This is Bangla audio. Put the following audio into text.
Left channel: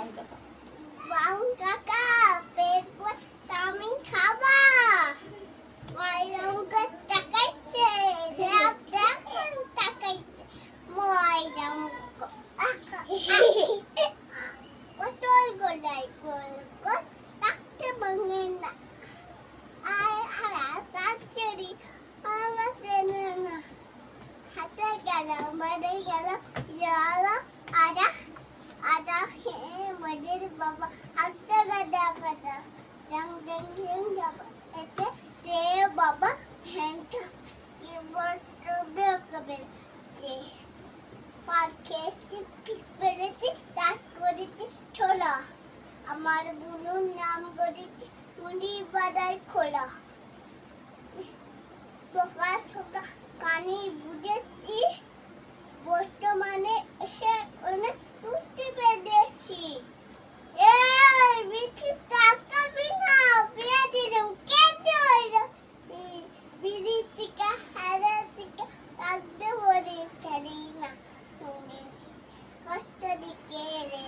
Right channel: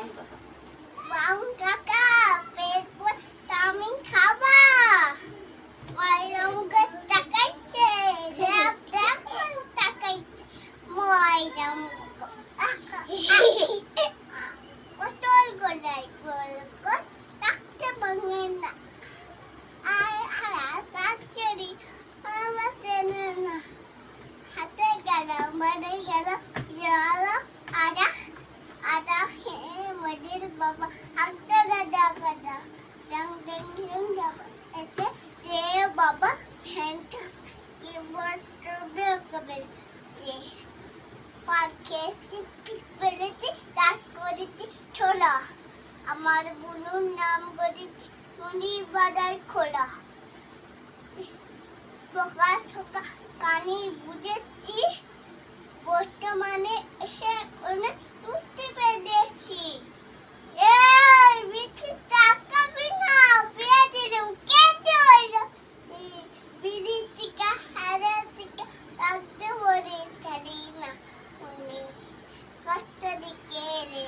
বাউন কাকা পেট পর চাউমিন খাবা ময়রমকে তাকাইছে দেখ দেখ তাকাইছে ময়রম পটল গোলাই বলকো তাকতে ভাঙে না আর তাচরি আমার চেনে না হাতে গেল মারে গেল যারা আদা আদা খেয়ে মজির বাবা হাতে গাদা গাদা ডং ডং ডং যাবা এতে যে বাবা হ্যান্ডটা এবার ট্রবেল কবেল যে পাখে টিপি পেলেছি তার করেছি ছোলা আমার বুনুর নাম করেছি মুনি বাজার খোলা ঠোকা ঠোকা কানে বুঝেছি বর্তমানে এসে অনেক তুলতে পেরেছি এই বিচু টাকা বিনা বিয়ে দিলাম কেটে হইল বিড়ি টিকা হারে টিকা রাখতে বলে ছাড়ি না কষ্ট দিকে রে